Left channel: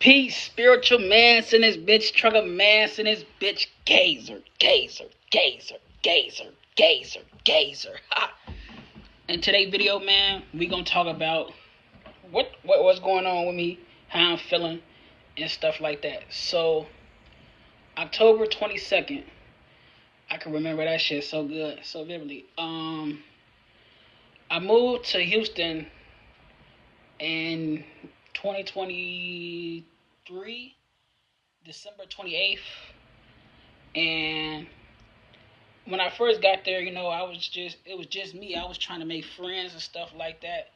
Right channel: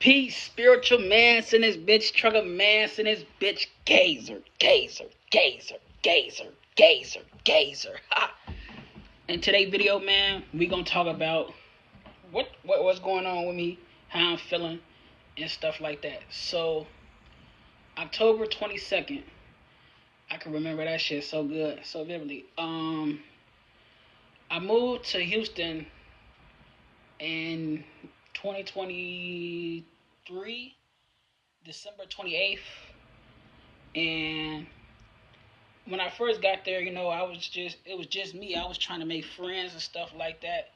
Peace, spiritual man's in this bitch, trucker man's in this bitch, gazer, gazer, gazer, gazer, gazer, gazer. Ha. In today's video, man, we gonna talk about what's going on with me, how I'm feeling, and stuff like that. So, October 22nd, I can remember that shit so good, so vividly. I moved to Houston in 2023, December 28th, and when I first got there, it was just me. I was trying to make friends and stuff like that.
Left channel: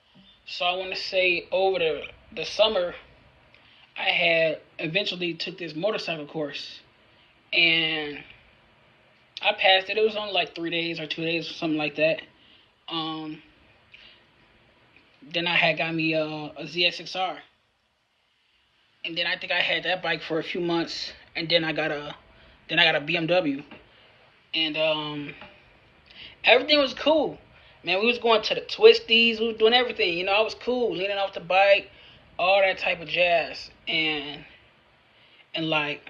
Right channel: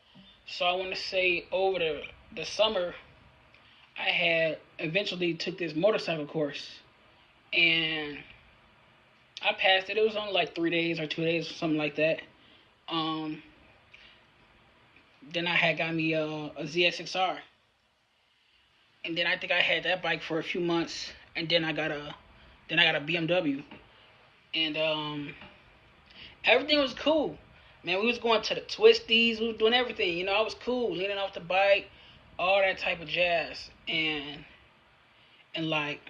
So I want to say over the summer, I had eventually took this motorcycle course, and I passed it. It was only like 3 days or 2 days or something like that. Then I had got me a ZX6R, and then I think I had that bike for a few months, and then I got a BMW, and everything was cool. Man, we was going to the twisties, we was doing everything. I was cool, leaning off the bike, all that type of jazz, and like,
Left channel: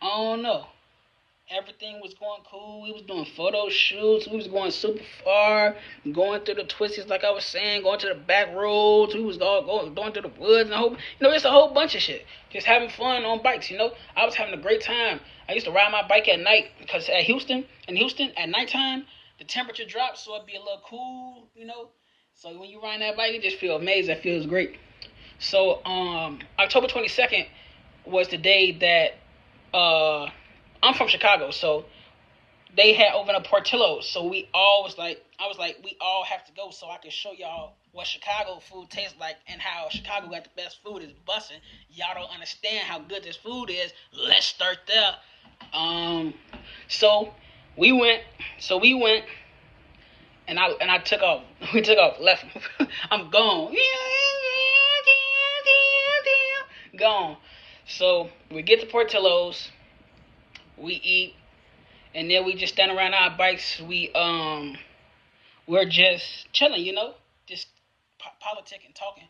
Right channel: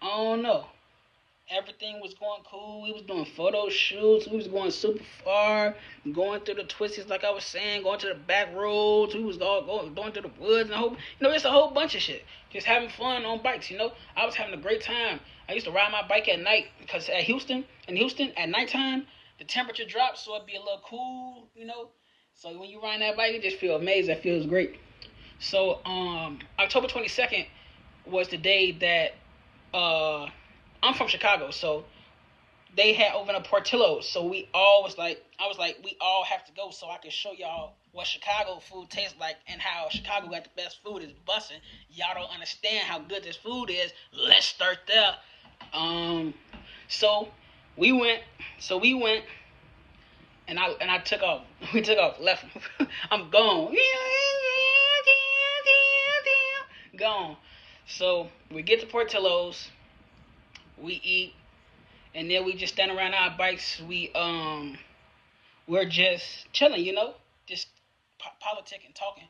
I don't know. Everything was going cool. We was doing photo shoots. We was going super far, going through the twists, like I was saying, going to the back roads. We was all going through the woods and it's a whole bunch of shit. Just having fun on bikes. I was having a great time. I used to ride my bike at night because in Houston at nighttime the temperature drops, so it'd be a little cool. So when you ride that bike, you just feel amazing. It feels great. So October 22nd was the day that I'm from Chicago, so they had opened up Portillo's. So I was like, we all have to go so I can show y'all what Chicago food tastes like and how Chicago got the best food is busting. Y'all don't understand how good this food is. Let's start there. So we went, and I took off. We took off, left. I'm gone. Gone. So we get to Portillo's. We eat, and then we just stand around our bikes. We're just chilling, just politicking, talking,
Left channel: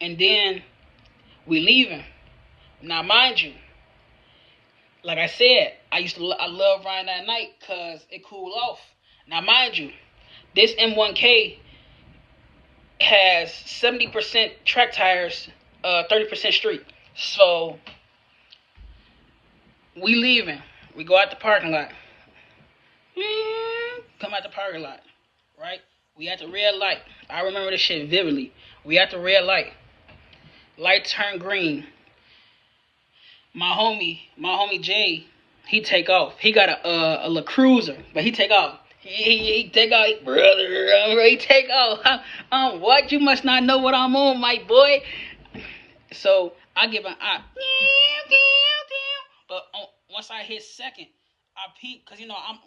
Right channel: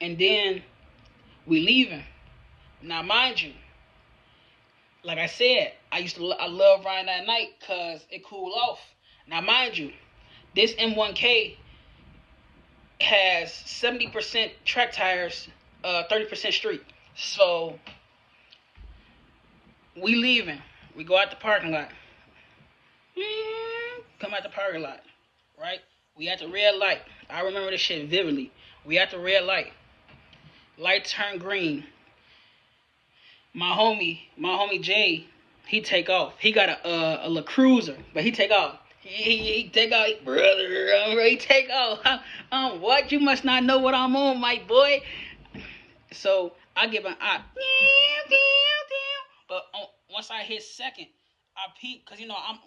and then we leaving. Now, mind you, like I said, I love riding at night because it cool off. Now, mind you, this M1K has 70% track tires, 30% street. So we leaving. We go out the parking lot. Come out the parking lot, right? We at the red light. I remember this shit vividly. We at the red light. Light turned green. My homie Jay, he take off. He got a La Cruiser, but he take off. He take off, brother. He take off. What? You must not know what I'm on, my boy. So I give an eye. But once I hit second, I peeped because I'm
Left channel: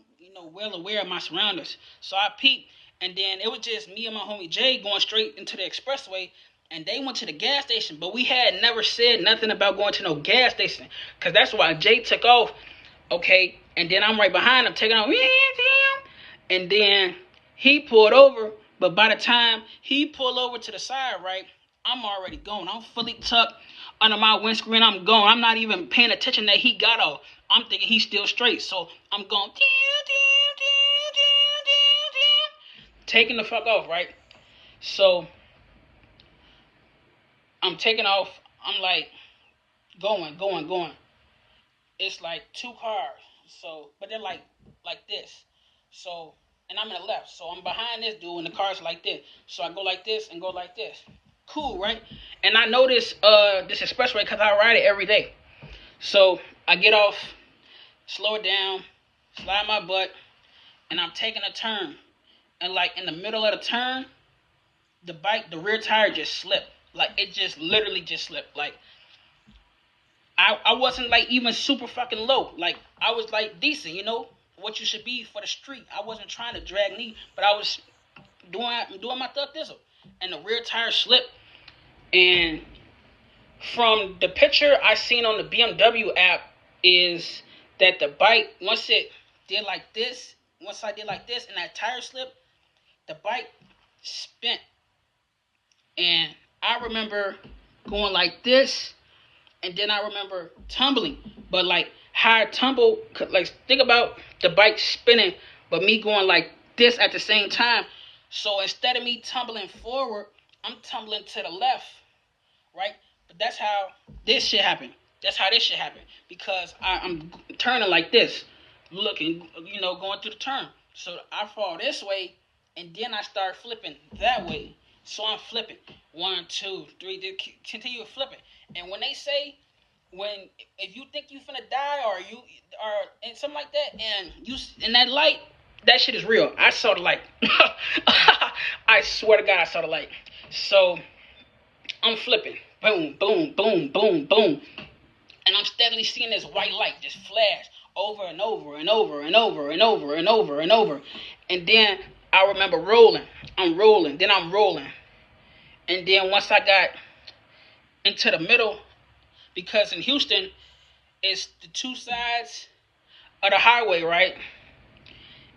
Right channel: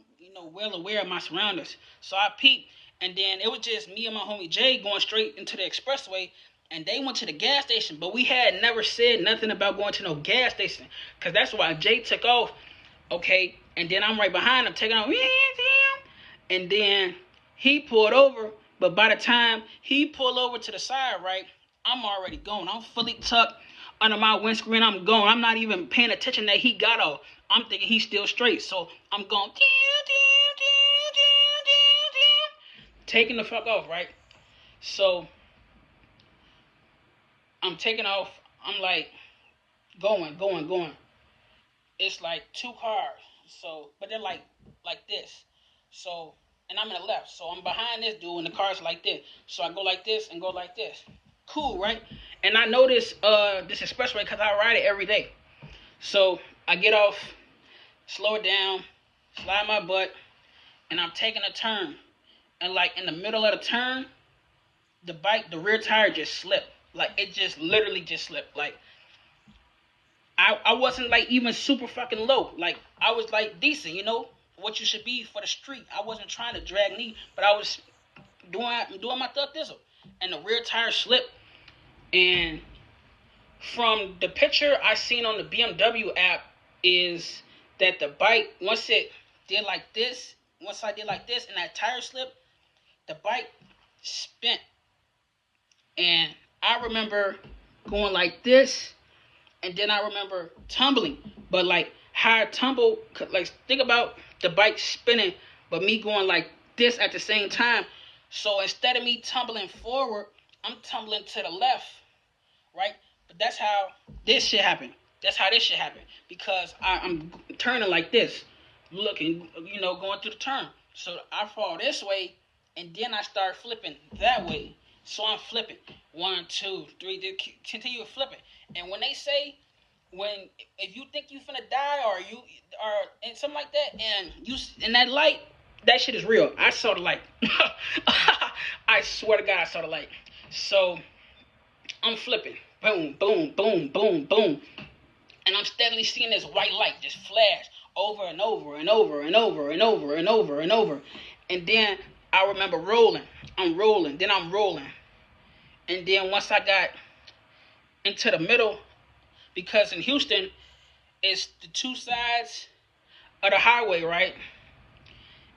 well aware of my surroundings. So I peeped, and then it was just me and my homie Jay going straight into the expressway, and they went to the gas station. But we had never said nothing about going to no gas station because that's why Jay took off. Okay, and then I'm right behind him taking off, and then he pulled over. But by the time he pulled over to the side, right, I'm already gone. I'm fully tucked under my windscreen. I'm gone. I'm not even paying attention that he got off. I'm thinking he's still straight. So I'm going, taking the fuck off, right? So I'm taking off. I'm like, going. It's like two cars. So, but they're like this. So, and I'm in the left. So I'm behind this dude, and the car's like this. So I go like this and go like this. Cool, right? And I know this expressway because I ride it every day. So I get off, slow it down, slide my butt, and I'm taking a turn. And like in the middle of the turn, the rear tire just slipped. Like it just literally just slipped. Like I wasn't like even super fucking low. Like I was like decent, what you should be for the street. I wasn't trying to drag knee, but I was doing my thug thistle. And the rear tire slipped. And from the picture I seen on the BMW app is that the bike, once I did like this, and that tire slipped, the bike spent. And I remember going like this And then I remember tumbling, but like how I tumble, like think about the bike spinning, but me going like this at the same time. So instead of me tumbling forward, I'm tumbling to the left, right? But that's how this shit happened. That's how this shit happened because I'm turning like this, looking, going through the turn. So I fall this way, and then I start flipping that way. So I'm flipping 1, 2, 3, just continue flipping. And when they say when if you think you finna die or you or and something like that, and you in that light, that shit is real. I saw the light. I swear to God, I saw the light. So I'm flipping, boom, boom, boom, boom, boom, and I'm steadily seeing this white light just flash over and over and over and over and over and over and over, and then I remember rolling. I'm rolling, then I'm rolling, and then once I got into the middle, because in Houston, it's the two sides of the highway, right?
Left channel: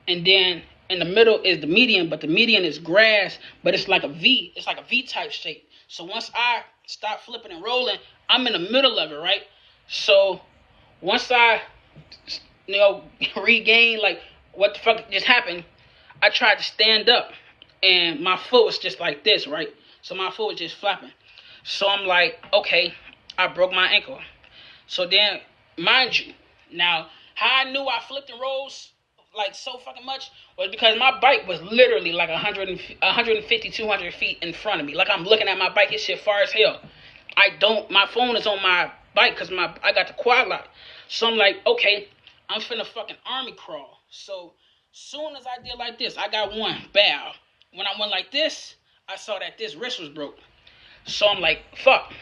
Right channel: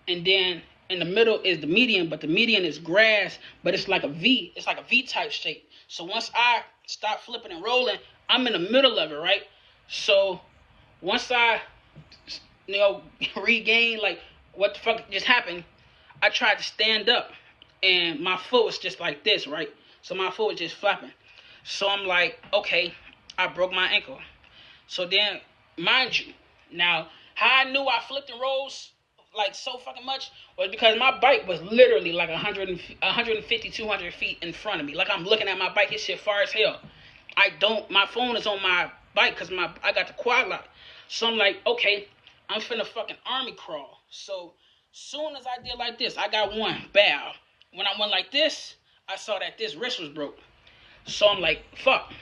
And then in the middle is the median, but the median is grass, but it's like a V. It's like a V type shape. So once I stop flipping and rolling, I'm in the middle of it, right? So once I, regain like what the fuck just happened, I tried to stand up, and my foot was just like this, right? So my foot was just flapping. So I'm like, okay, I broke my ankle. So then, mind you, now how I knew I flipped and rose like so fucking much was because my bike was literally like 150, 200 feet in front of me. Like I'm looking at my bike, it's shit far as hell. My phone is on my bike because I got the quad lock. So I'm like, okay, I'm finna fucking army crawl. So soon as I did like this, I got one, bow. When I went like this, I saw that this wrist was broke. So I'm like, fuck.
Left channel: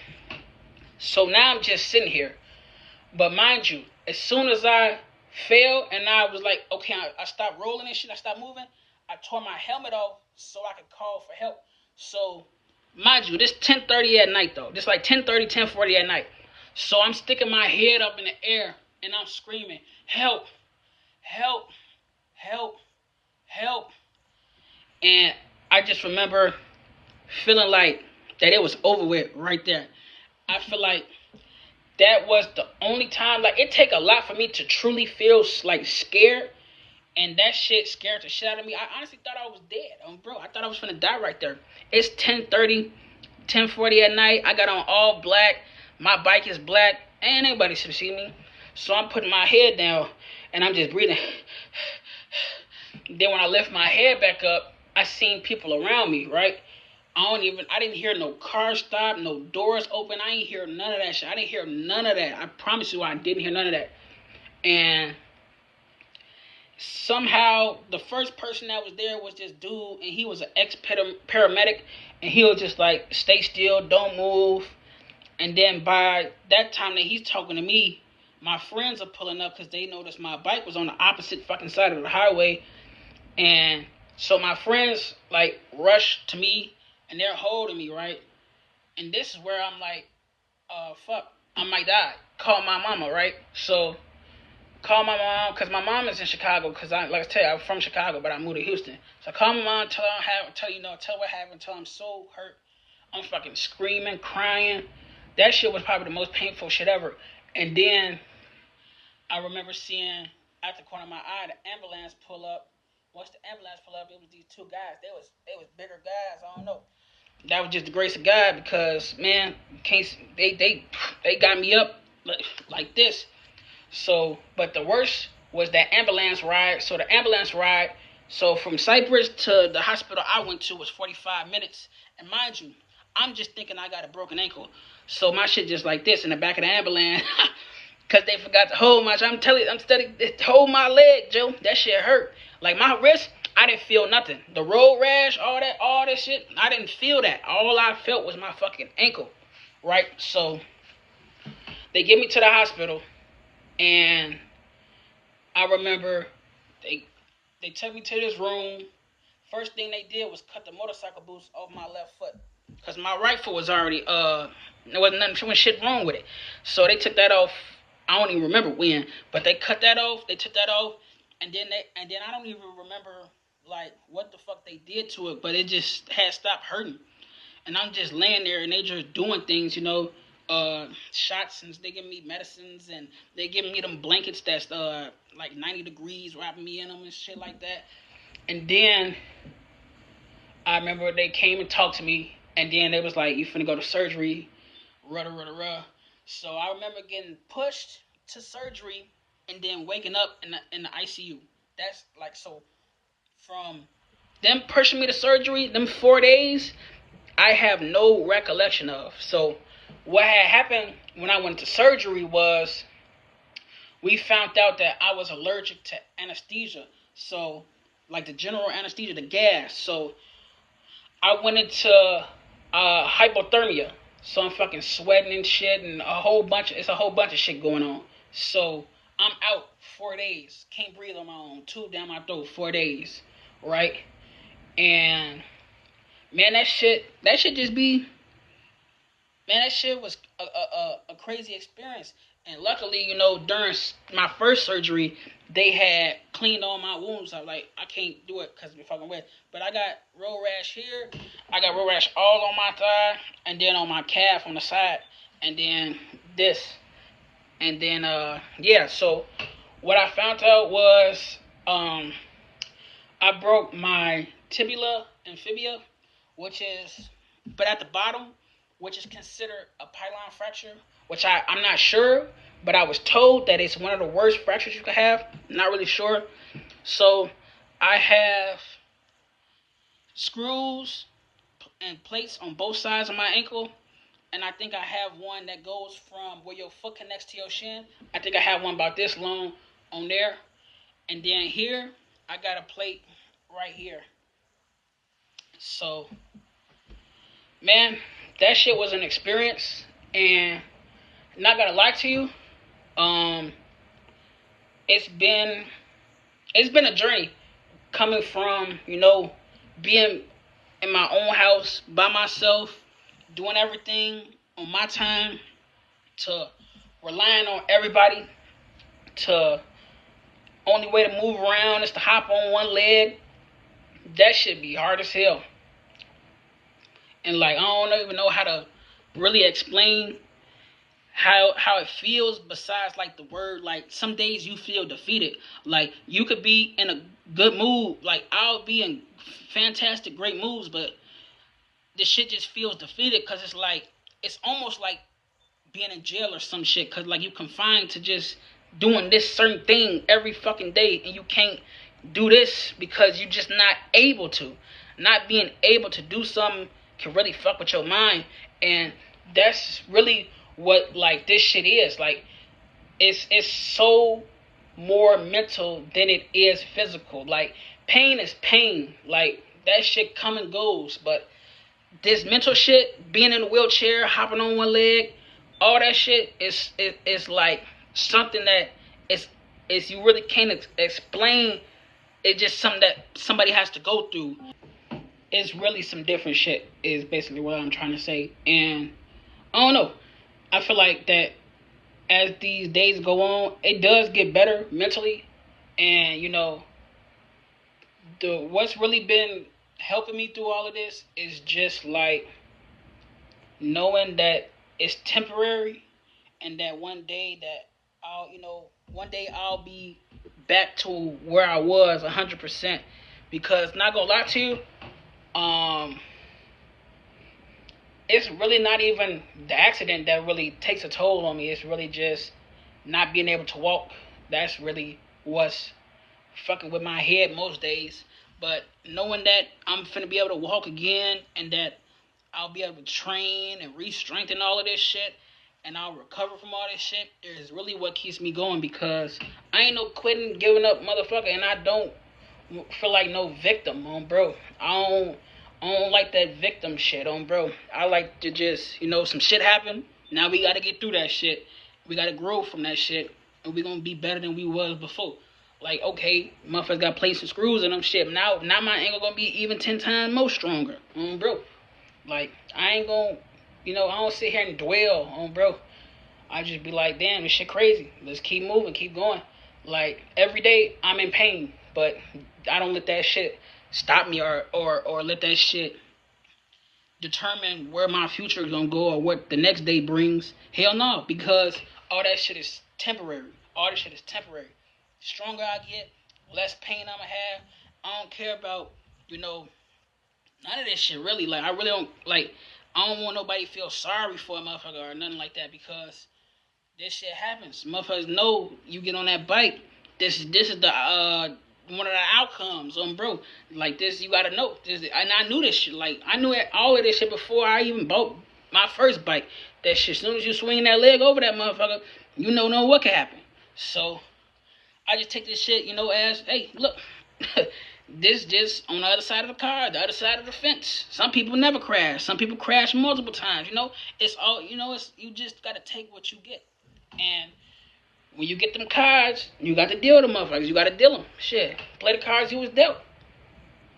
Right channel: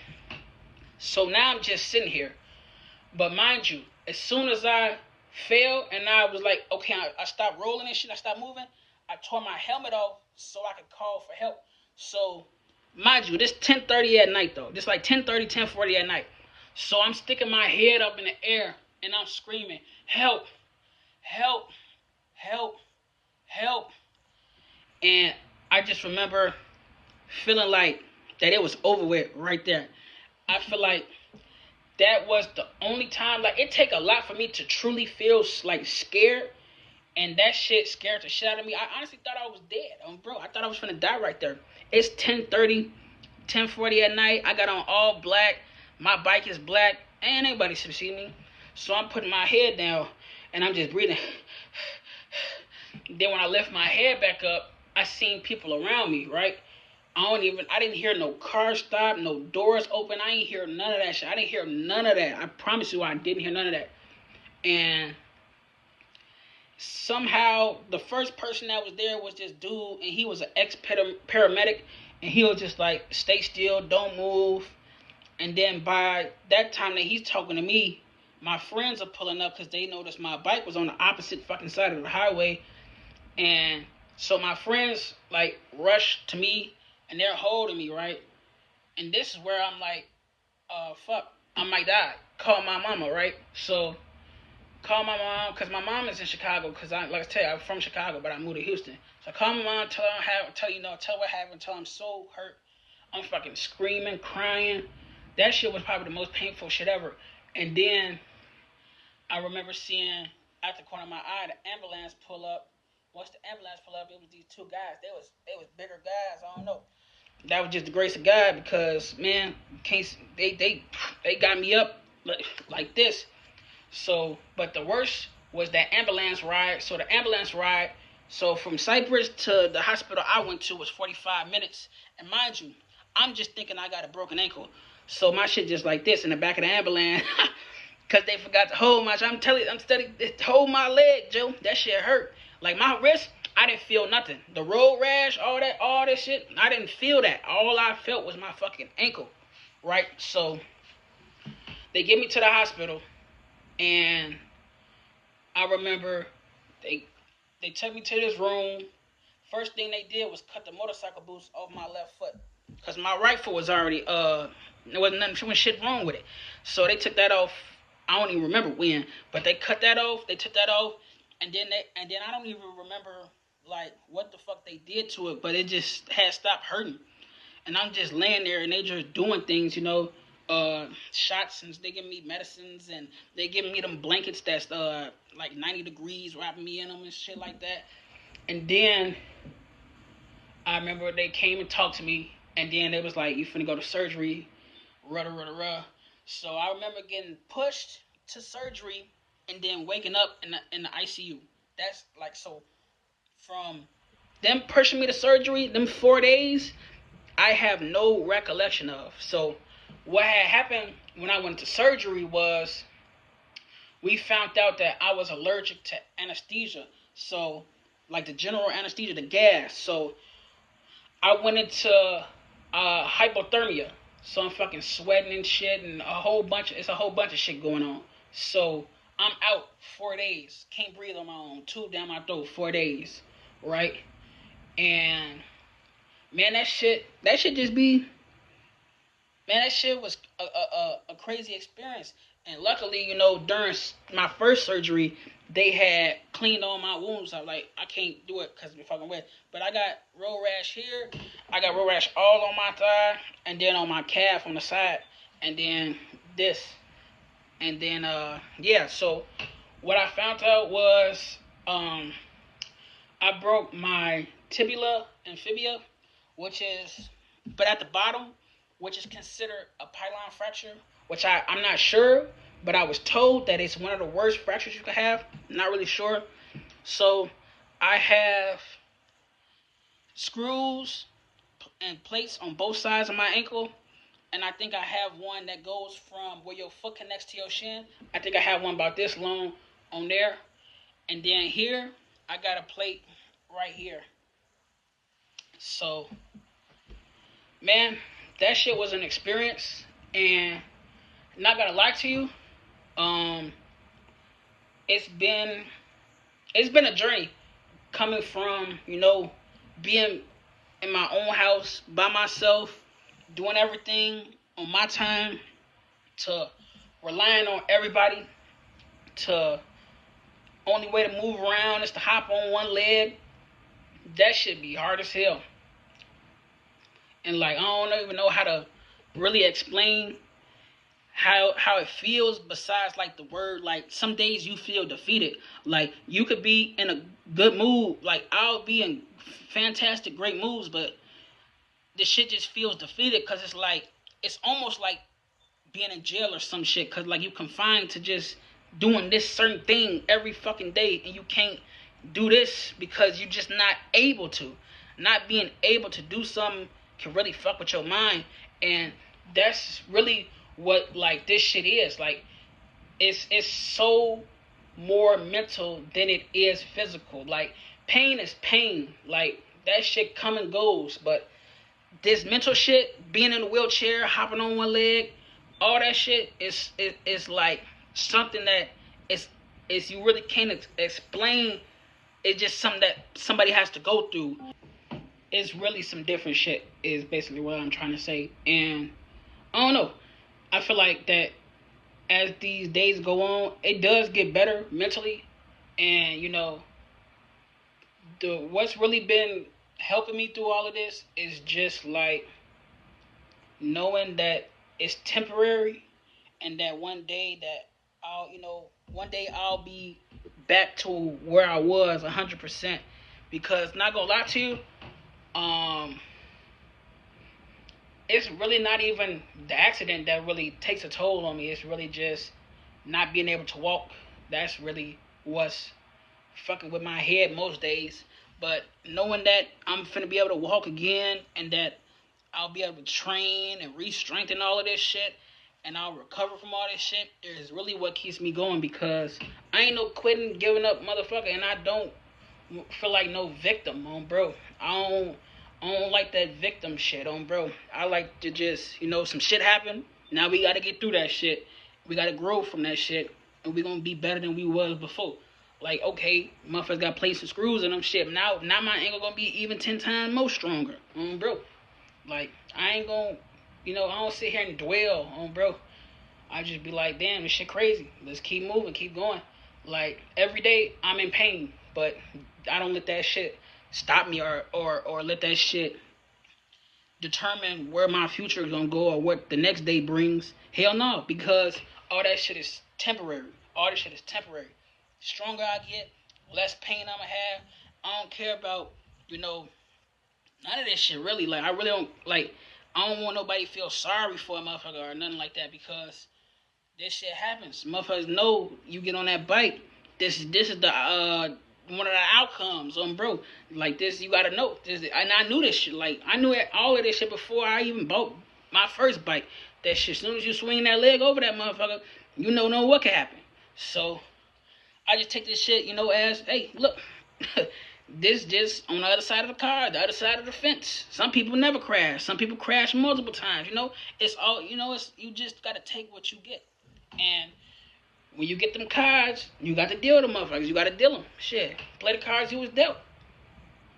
So now I'm just sitting here. But mind you, as soon as I fell and I was like, okay, I stopped rolling this shit, I stopped moving, I tore my helmet off so I could call for help. So, mind you, this 10:30 at night though. This like 10:30, 10:40 at night. So I'm sticking my head up in the air and I'm screaming, help, help, help, help. And I just remember feeling like that it was over with right there. I feel like that was the only time, like, it take a lot for me to truly feel like scared, and that shit scared the shit out of me. I honestly thought I was dead, bro. I thought I was finna die right there. It's 10:30, 10:40 at night. I got on all black. My bike is black. Ain't anybody should see me. So I'm putting my head down, and I'm just breathing. Then when I lift my head back up, I seen people around me, right? I didn't hear no car stop, no doors open. I ain't hear none of that shit. I didn't hear none of that. I promise you I didn't hear none of that. And somehow the first person that was there was this dude, and he was an ex-paramedic, and he was just like, stay still, don't move. And then by that time that he's talking to me, my friends are pulling up because they noticed my bike was on the opposite fucking side of the highway. And so my friends like rush to me and they're holding me, right? And this is where I'm like, fuck, I might die. Call my mama, right? So call my mom because my mom is in Chicago because like I tell you, I'm from Chicago, but I moved to Houston. So I call my mom, tell what happened, tell her I'm so hurt. I'm fucking screaming, crying. That shit was probably the most painful shit ever. And then I remember seeing out the corner of my eye the ambulance pull up. Once the ambulance pulled up, it was these two guys. They was bigger guys. I don't know. That was just the grace of God because man, they got me up like this. So, but the worst was that ambulance ride. So the ambulance ride. So from Cypress to the hospital I went to was 45 minutes. And mind you, I'm just thinking I got a broken ankle. So my shit just like this in the back of the ambulance. Cause they forgot to hold my. I'm telling you, I'm steady. Hold my leg, Joe. That shit hurt. Like my wrist, I didn't feel nothing. The road rash, all that shit, I didn't feel that. All I felt was my fucking ankle, right? So they get me to the hospital, and I remember they took me to this room. First thing they did was cut the motorcycle boots off my left foot, cause my right foot was already there wasn't nothing shit wrong with it. So they took that off. I don't even remember when, but they cut that off. They took that off, and then I don't even remember like what the fuck they did to it, but it just had stopped hurting. And I'm just laying there, and they just doing things, shots, and they give me medicines, and they give me them blankets that's like 90 degrees, wrapping me in them and shit like that. And then I remember they came and talked to me, and then they was like, "You finna go to surgery, rah rah rah rah." So I remember getting pushed to surgery, and then waking up in the ICU. That's like so. From them pushing me to surgery, them 4 days, I have no recollection of. So what had happened when I went to surgery was we found out that I was allergic to anesthesia. So like the general anesthesia, the gas. So I went into hypothermia. So I'm fucking sweating and shit, and it's a whole bunch of shit going on. So I'm out 4 days. Can't breathe on my own. Tube down my throat, 4 days. Right? And man, that shit just be, man, that shit was a crazy experience. And luckily, during my first surgery, they had cleaned all my wounds. I'm like, I can't do it because I'm fucking wet. But I got road rash here. I got road rash all on my thigh, and then on my calf on the side, and then this. And then, yeah, so what I found out was I broke my tibia and fibula, but at the bottom, which is considered a pilon fracture, which I'm not sure, but I was told that it's one of the worst fractures you could have. Not really sure. So I have screws and plates on both sides of my ankle, and I think I have one that goes from where your foot connects to your shin. I think I have one about this long on there, and then here I got a plate right here. So, man, that shit was an experience, and not gonna lie to you, it's been a journey coming from being in my own house by myself, doing everything on my time, to relying on everybody, to only way to move around is to hop on one leg. That should be hard as hell. And like I don't even know how to really explain how it feels besides like the word. Like some days you feel defeated. Like you could be in a good mood. Like I'll be in fantastic, great moods, but this shit just feels defeated because it's almost like being in jail or some shit, because like you confined to just doing this certain thing every fucking day, and you can't do this because you're just not able to. Not being able to do something can really fuck with your mind, and that's really what like this shit is. Like it's so more mental than it is physical. Like pain is pain. Like that shit come and goes, but this mental shit, being in a wheelchair, hopping on one leg, all that shit is like something that is you really can't explain. It's just something that somebody has to go through. It's really some different shit is basically what I'm trying to say. And I don't know. I feel like that as these days go on, it does get better mentally. And what's really been helping me through all of this is just like knowing that it's temporary, and that one day I'll be back to where I was 100%. Because not gonna lie to you, it's really not even the accident that really takes a toll on me. It's really just not being able to walk. That's really what's fucking with my head most days. But knowing that I'm finna be able to walk again, and that I'll be able to train and re-strengthen all of this shit, and I'll recover from all this shit, is really what keeps me going. Because I ain't no quitting, giving up motherfucker, and I don't feel like no victim, bro. I don't like that victim shit, bro. I like to just, some shit happened. Now we gotta get through that shit. We gotta grow from that shit, and we gonna be better than we was before. Like, okay, motherfuckers got plates and screws in them shit. Now my ankle gonna be even 10 times more stronger, bro. Like, I ain't gonna, I don't sit here and dwell on, bro. I just be like, damn, this shit crazy. Let's keep moving, keep going. Like, every day I'm in pain, but I don't let that shit stop me or let that shit determine where my future is gonna go or what the next day brings. Hell no, because all that shit is temporary. All this shit is temporary. The stronger I get, less pain I'ma have. I don't care about, you know, none of this shit really. Like I really don't like. I don't want nobody to feel sorry for a motherfucker or nothing like that because this shit happens. Motherfuckers know you get on that bike. This is the one of the outcomes, bro. Like this, you gotta know. And I knew this shit. Like I knew all of this shit before I even bought my first bike. That shit. As soon as you swinging that leg over that motherfucker, you know what can happen. So I just take this shit, as hey, look. This just on the other side of the car, the other side of the fence. Some people never crash. Some people crash multiple times. It's all. It's you just gotta take what you get. And when you get them cards, you got to deal with them motherfuckers. You got to deal them. Shit, play the cards you was dealt.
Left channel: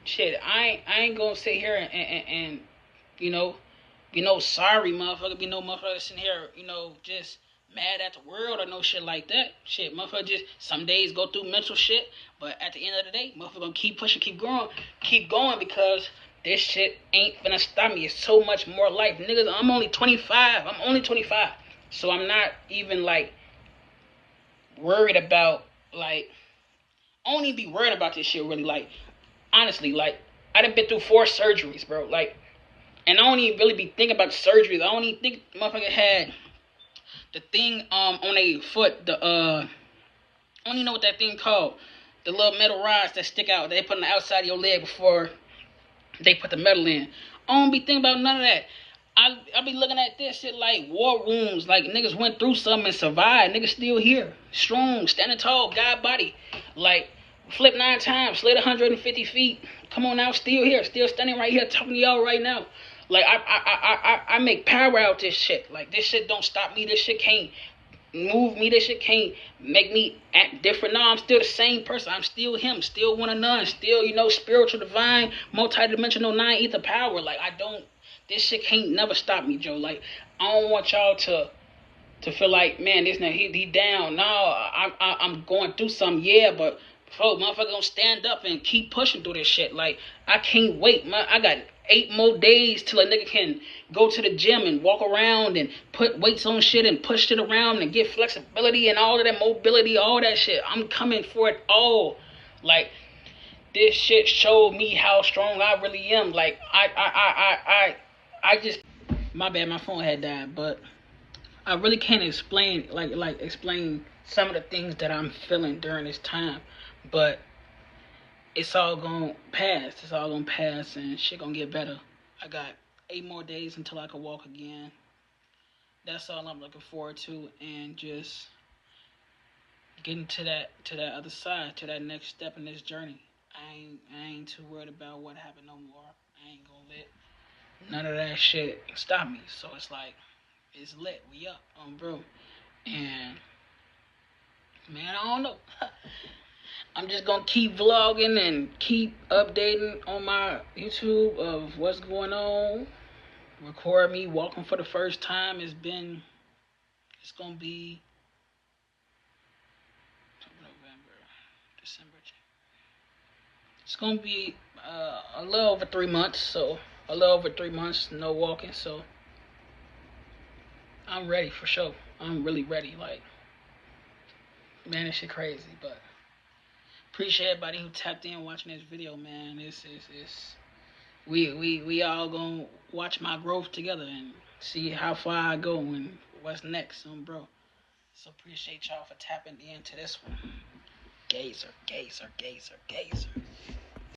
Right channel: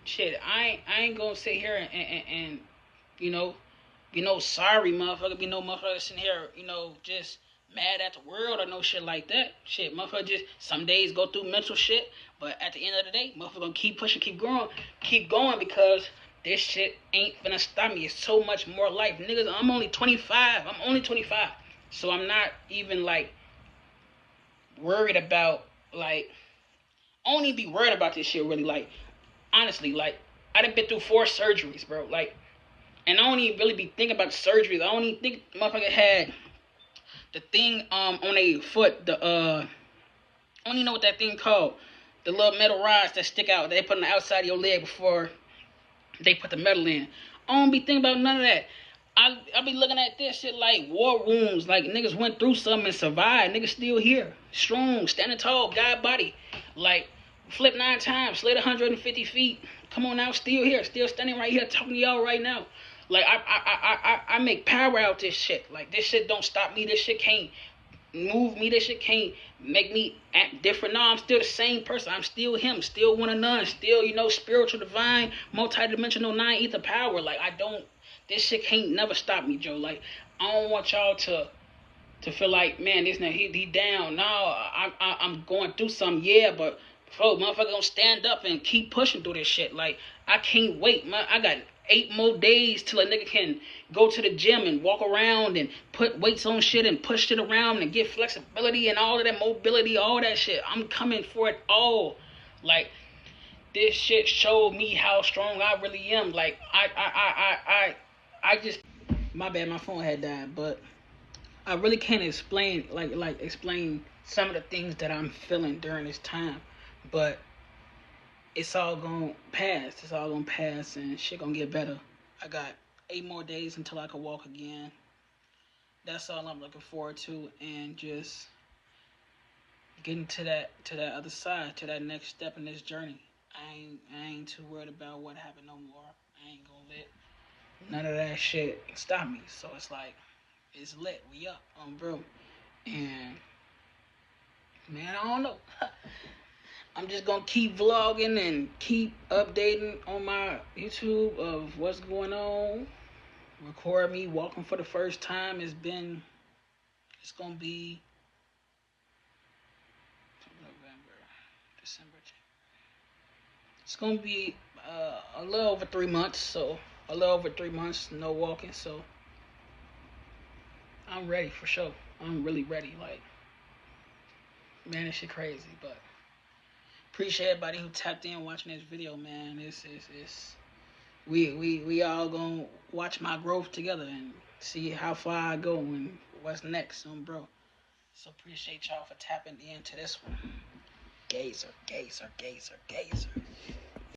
Shit, I ain't gonna sit here and sorry, motherfucker. Be no motherfucker sitting here, just mad at the world or no shit like that. Shit, motherfucker just some days go through mental shit, but at the end of the day, motherfucker gonna keep pushing, keep going because this shit ain't gonna stop me. It's so much more life, niggas. I'm only 25. So I'm not even like worried about like I don't even be worried about this shit really. Like honestly, like I done been through 4 surgeries, bro. Like, and I don't even really be thinking about the surgeries. I don't even think motherfucker had the thing on a foot. I don't even know what that thing called. The little metal rods that stick out. They put on the outside of your leg before they put the metal in. I don't be thinking about none of that. I be looking at this shit like war rooms, like niggas went through something and survived. Niggas still here, strong, standing tall, God body, like flip 9 times, slid 150 feet. Come on now, still here, still standing right here, talking to y'all right now. Like I make power out this shit. Like this shit don't stop me. This shit can't move me. This shit can't make me act different. No, I'm still the same person. I'm still him. Still one of none. Still spiritual, divine, multi-dimensional, 9 ether power. Like I don't. This shit can't never stop me, Joe. Like, I don't want y'all to feel like, man, this nigga, he down. No, I'm going through something, yeah, but folks, motherfucker gonna stand up and keep pushing through this shit. Like, I can't wait. I got 8 more days till a nigga can go to the gym and walk around and put weights on shit and push shit around and get flexibility and all of that mobility, all that shit. I'm coming for it all. Like, this shit showed me how strong I really am. Like, I just, my bad, my phone had died, but I really can't explain explain some of the things that I'm feeling during this time, but it's all gonna pass. It's all gonna pass, and shit gonna get better. I got 8 more days until I can walk again. That's all I'm looking forward to, and just getting to that other side, to that next step in this journey. I ain't too worried about what happened no more. I ain't gonna let none of that shit stop me. So it's like, it's lit. We up, bro. And man, I don't know. I'm just gonna keep vlogging and keep updating on my YouTube of what's going on. Record me walking for the first time. It's gonna be November, December. It's gonna be a little over 3 months. So a little over 3 months, no walking. So I'm ready for sure. I'm really ready. Like, man, this shit crazy. But appreciate everybody who tapped in watching this video, man. We all gonna watch my growth together and see how far I go and what's next, bro. So appreciate y'all for tapping into this one. Gazer.